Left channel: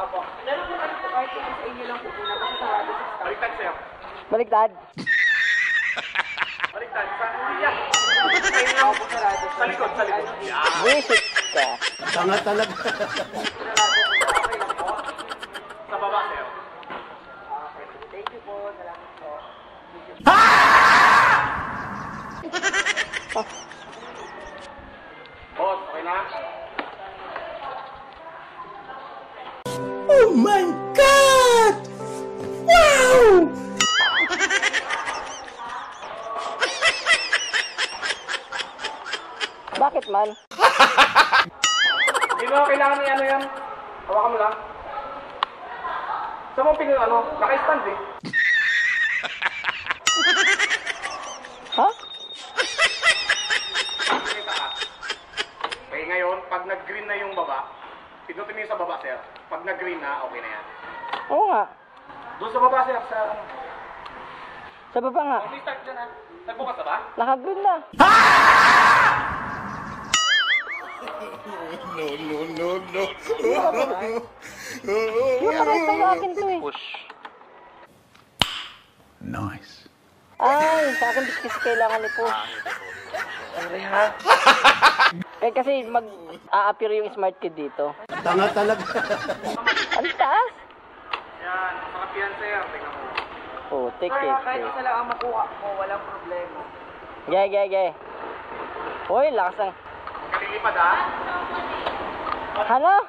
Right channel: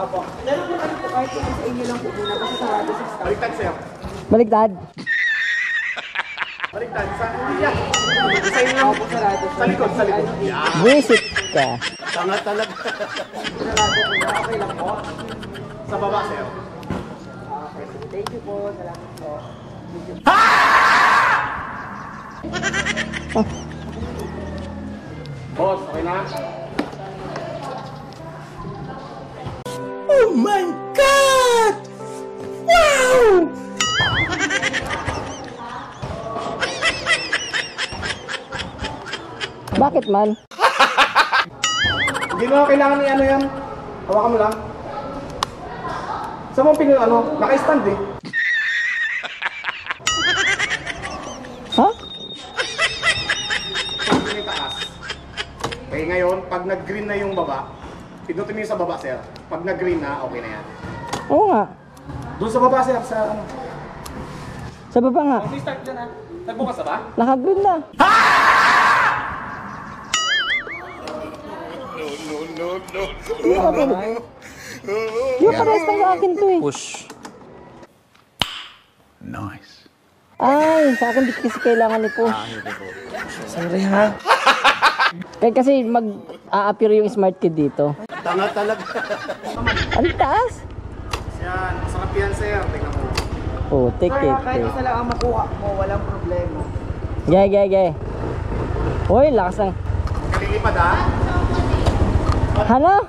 Opo. Pero po kahit po sa inyo lang po muna kasi sarado sa staff. Baliktad, sir. Baliktad. Baliktad. Sa iya. Sa inyo lang po sarado. Sa likod, sa likod. Visit ka. Tanga talaga. Sa baba, sir. Thank you po. Salamat po. Boss, okay na? Oh my God! Wow! Bakit man? Hindi mo kailangan ni ano yan. Hawakan mo lang. Sa mga ano, naka-stand eh. Ha? Yung taas. Okay, ngayon, pag nag-green na yung baba, pindutin mo yung sa baba, sir. Pag nag-green na, okay na yan. Oo nga. Doon sa baba, sir, sa ano. Sa baba nga. May start dyan, ha? Nagbukas na ba? Naka-green na. Yung akin to eh. Push. Nice. Ay, sa akin di kasi kailangan ito. Sorry ha. Kaya kasi mag-a-appear yung smart kid dito. Tanga talaga. Ang taas. Yan, masarap yan, sir. Tingnan mo. Oh, take Sir, it. kahit isa lang ang makuha mo, walang problema. Gay. Hoy, lakas ng... Kalilipad, ha? Ano?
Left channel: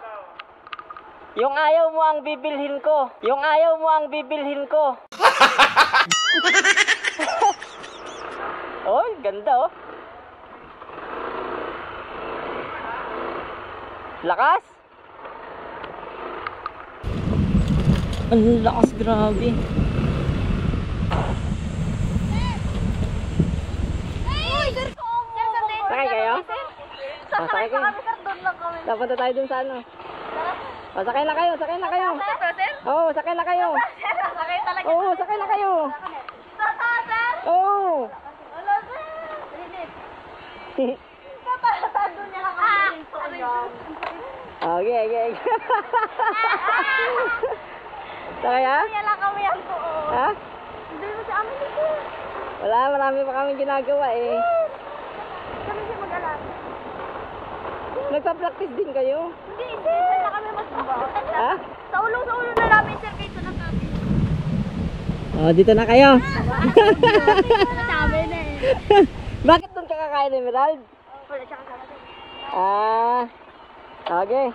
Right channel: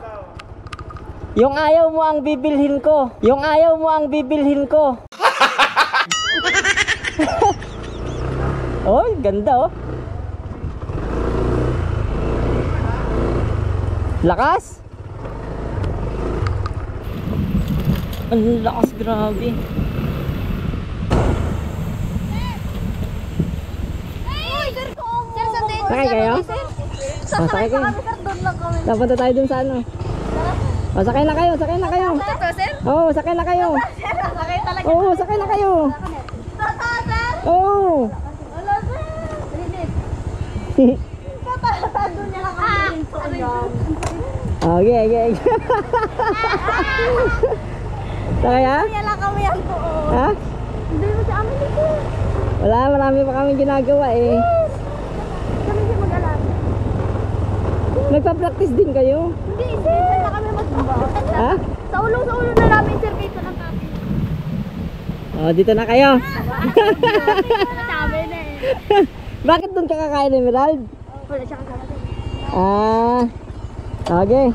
Yung ayaw mo ang bibilhin ko. Yung ayaw mo ang bibilhin ko. Oy, ganda oh. Lakas. Ang lakas, grabe. Sakay kayo? Sakay kayo. Napunta tayo dun sa ano. Oh, sakay na kayo. Oo, sakay na kayo. Oo, sakay na kayo. Oo. Okay. Sakay ha? Ha? Wala, marami pa kami ginagawa eh. Nagpa-practice din kayo? Hindi, sir. Na kami magsimba. Ha? Sa ulo na namin, sir, kayo na kami. Oh, dito na kayo. Sabi na eh. Bakit doon ka kakain, Emerald? Wala siya kasama. Ah, okay.